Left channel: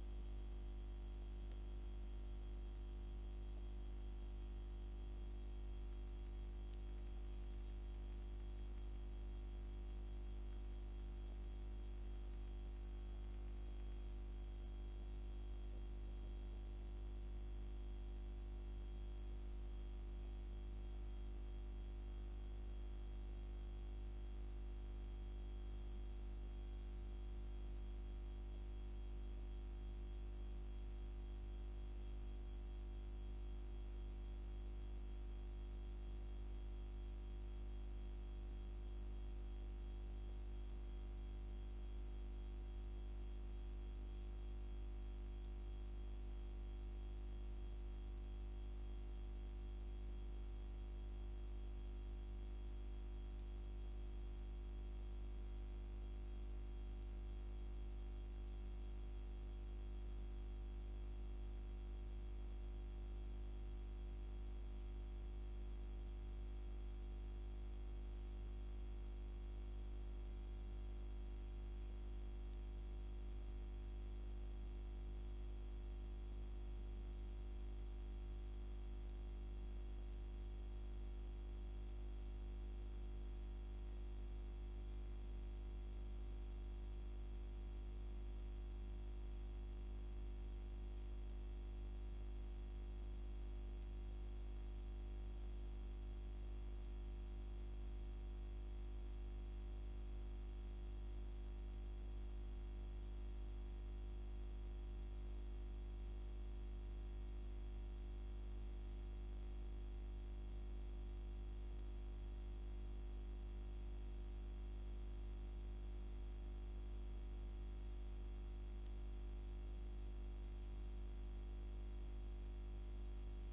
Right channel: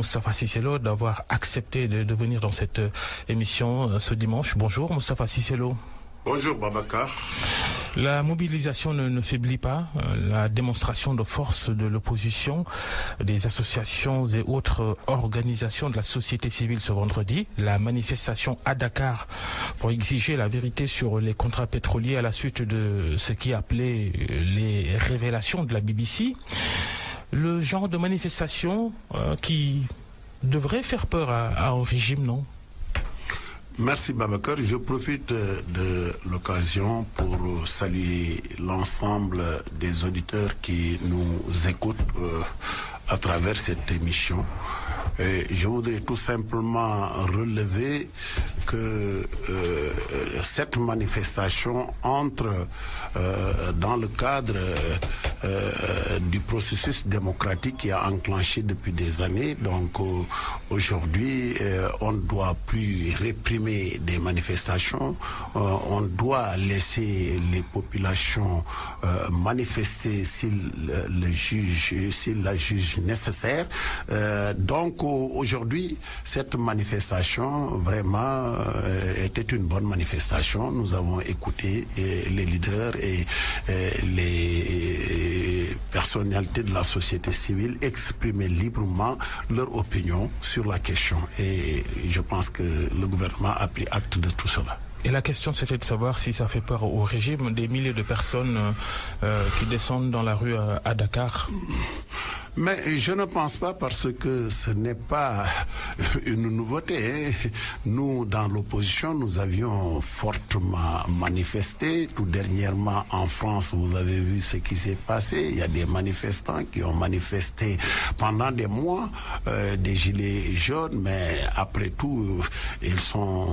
Moustapha Cissé Lo d'avoir accepté de venir dans cette émission ce dimanche. Bonjour Moustapha Cissé Lo. Bonjour Babacar. La mobilisation ne faiblit pas. La démonstration de force de l'opposition, des associations et autres organisations de la société civile ce vendredi. La manifestation à Dakar pour exiger la vérité sur les contrats pétroliers à la suite de ce qui est appelé les révélations de la BBC. Le genre de manifestation qui devrait faire peur à un régime, non ? Merci Babacar. Je profite de l'occasion pour saluer l'ensemble des auditeurs qui nous écoutent à travers cette émission. Et je voudrais tout simplement relever que cette manifestation entre dans le cadre du processus démocratique qui a enclenché depuis des années. Donc aujourd'hui, on ne doit plus réprimer des manifestations, on doit laisser les populations manifester s'ils la jugent nécessaire. Donc aujourd'hui, cette manifestation vraiment était une bonne manifestation. Nous avons écouté les leaders et les personnalités de la société civile exprimer librement leur opinion sur la question. Et je pense que le gouvernement a pris acte de tout cela. Et la question, c'était de savoir si ça fait peur au régime, des milliers de personnes qui descendent dans la rue à Dakar. Mais je ne pense pas, parce que ce n'est pas une nouveauté. Nous, dans l'opposition, nous avions fortement manifesté. Tout dernièrement, en France, vous avez vu ce qui s'est passé. Il y a des manifestants qui ont manifesté pendant des mois, des gilets jaunes, mais après tout, ils sont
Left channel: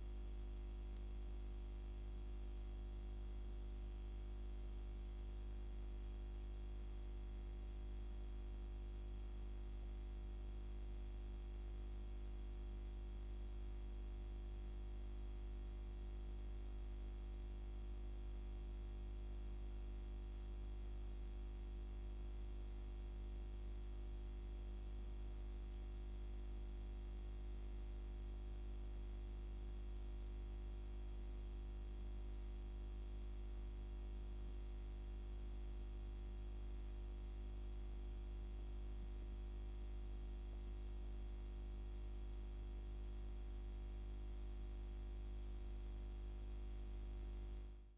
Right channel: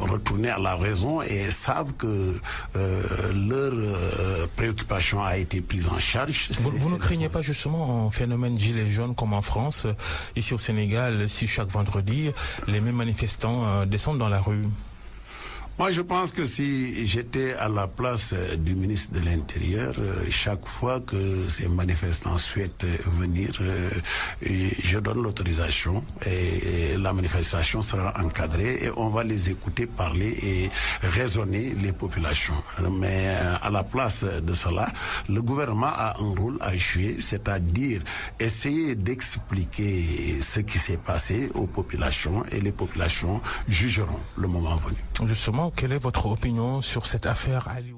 retournés à la raison et savent que leur préoccupation a été prise en charge. Vous ne craignez pas justement un phénomène gilet jaune comme en France, ici au Sénégal, si chaque vendredi, les mêmes manifestants descendent dans la rue? Moi, je pense que si j'étais à la place du ministre de l'Intérieur, chaque fois que ces manifestants souhaitent venir, je donne l'autorisation et la manifestation sera encadrée et on va les écouter parler et raisonner les populations. Mais à la place de cela, le gouvernement a un rôle à jouer, c'est-à-dire essayer d'expliquer ce qui s'est passé aux populations et les populations jugeront le moment venu. Justement, quelle est votre opinion sur cette affaire Aliou?